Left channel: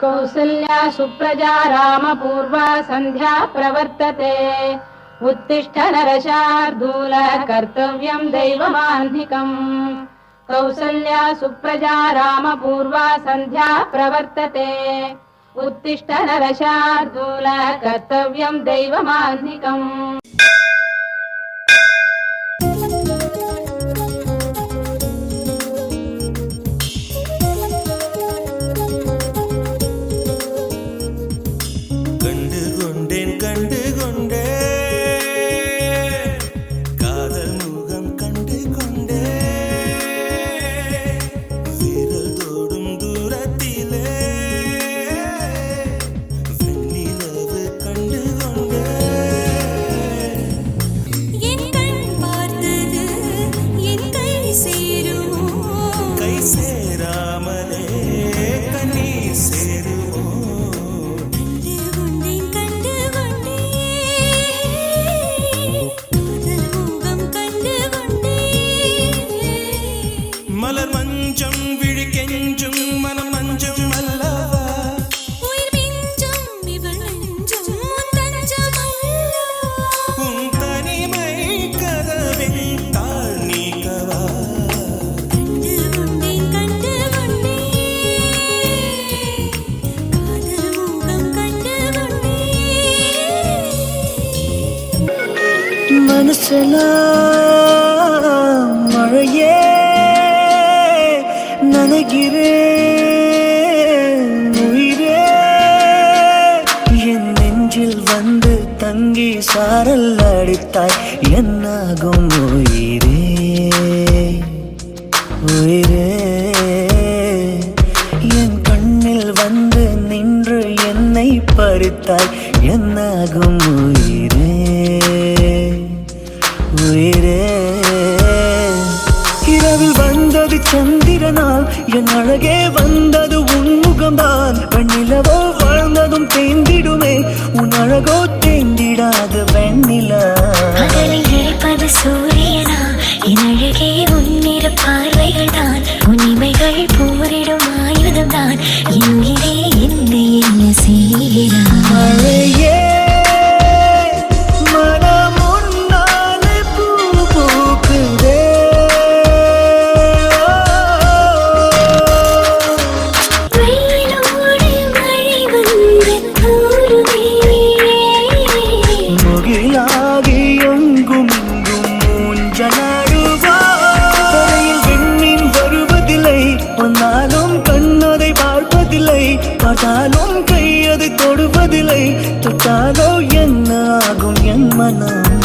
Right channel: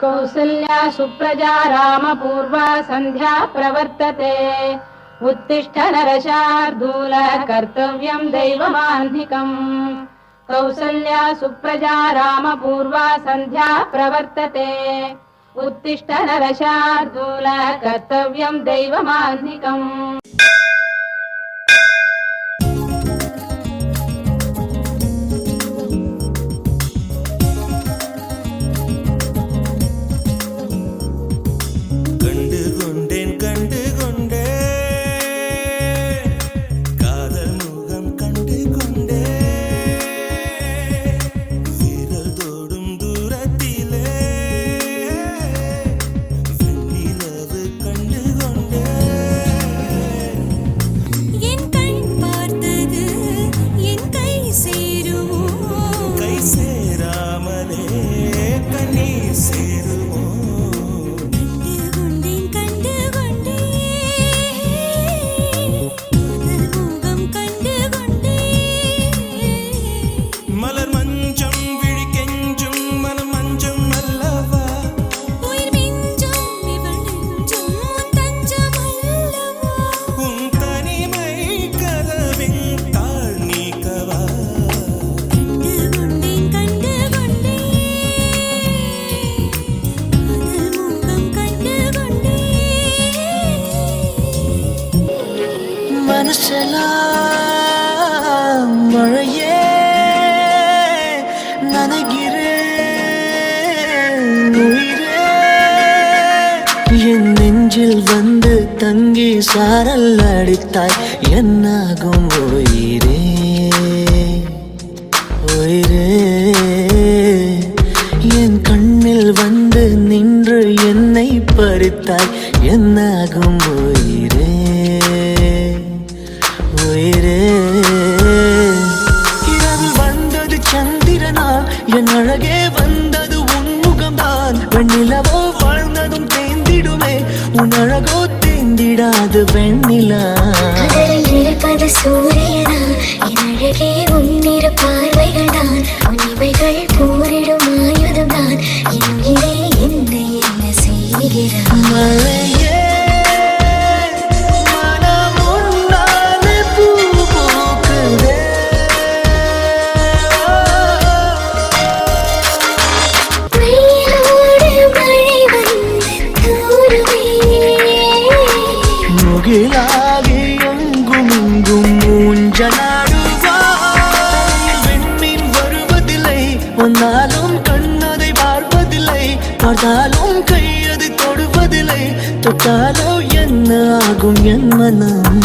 कौसल्या सुप्रजा रामपूर्वा सन्ध्या प्रवर्तते उत्तिष्ठ नरशार्दूल कर्तव्यं दैवमाह्निकम् कौसल्या सुप्रजा रामपूर्वा सन्ध्या प्रवर्तते उत्तिष्ठ नरशार्दूल कर्तव्यं दैवमाह्निकम् மனசெல்லாம் மழையே நனைகிறேன் உயிரே என் நெஞ்சில் வந்து தங்கி சாரல் அடித்தாய் என்னாகும் உயிரே உயிரே என் கண்ணில் வந்து நின்று என்னை பறித்தாய் என்னாகும் உயிரே உயிரே இரவில் வந்தது சந்திரனால் என் அழகே வந்தது உன்முகம்தான் வெண்ணிலவோ வாழ்ந்ததும் தேந்திடுமே உன் அழகோ தேந்திடாது வெண்ணிலா இருப்பது சூரியனா என் அழகே உன்னிரு பார்வைகள் தான் உன்னிமைகள் போரிடும் ஆயுதம் தான் என்கிறே என்னை என்ன செய்கிறான் மழையே பார்த்தாலும் கையது தொடுவதில்லை தொட்டாலோ என்ன ஆகும் என் மனம்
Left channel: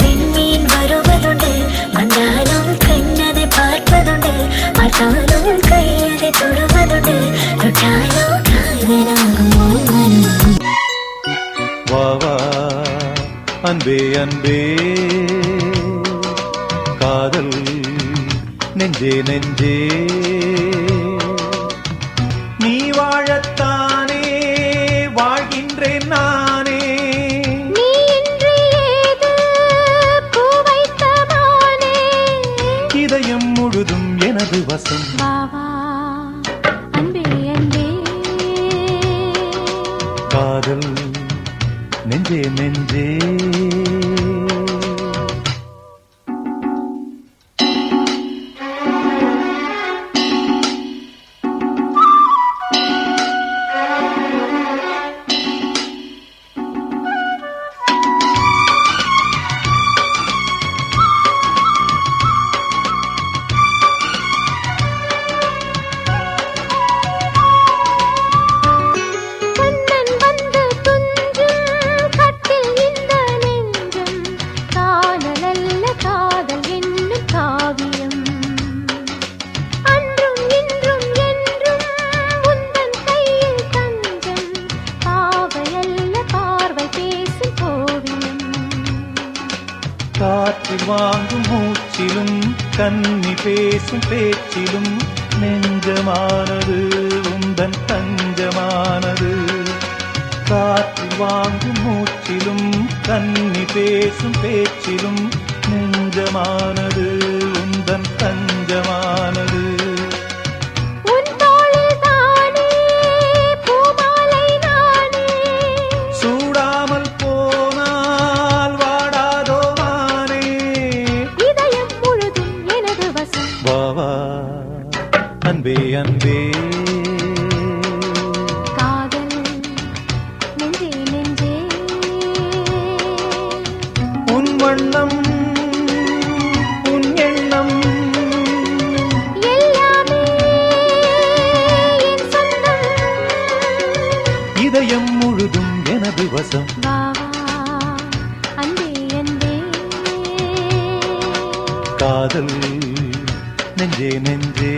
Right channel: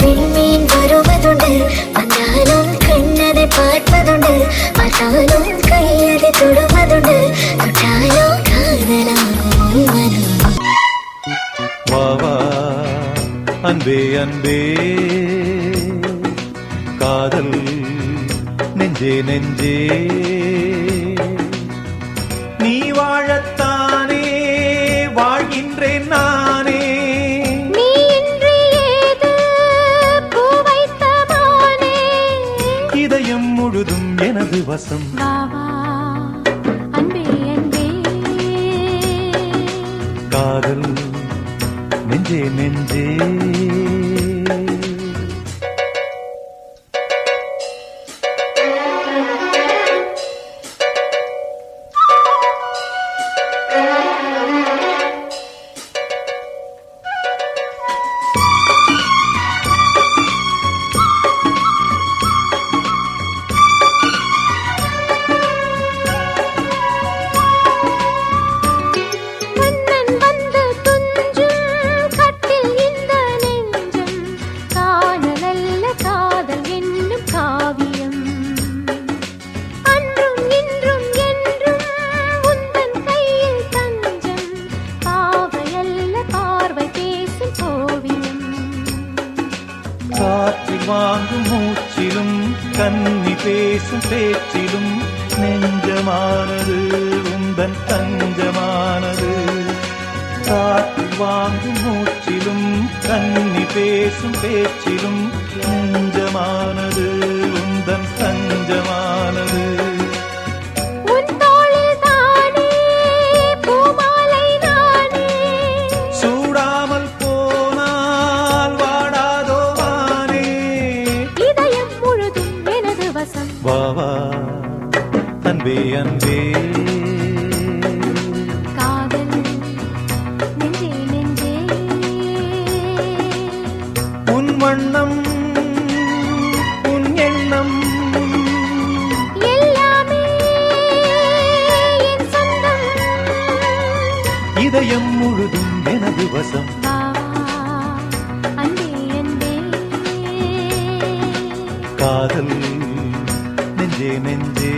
விண்மீன் வருவதுண்டு வந்தாலும் கண்ணதை பார்ப்பதுண்டு பார்த்தாலும் கையதை தொடுவதுண்டு தொட்டாலோ காதலாகும் மனம் வா வா அன்பே அன்பே காதல் நெஞ்சே நெஞ்சே நீ வாழத்தானே வாழ்கின்றேன் நானே நீ இன்றி ஏது பூ வைத்ததானே இதயம் முழுதும் எனது வசம் வா வா அன்பே அன்பே காதல் நெஞ்சே நெஞ்சே காற்றில் வாங்கும் மூச்சிலும் கன்னி பேசும் பேச்சிலும் நெஞ்சமானது உந்தன் தஞ்சமானது. காற்றில் வாங்கும் மூச்சிலும் கன்னி பேசும் பேச்சிலும் நெஞ்சமானது உந்தன் தஞ்சமானது. உன் வண்ணம் உன் எண்ணம் எல்லாமே என் சொந்தம். இதயம் முழுதும் எனது வசம். வா, அன்பே அன்பே. காதல் நெஞ்சே நெஞ்சே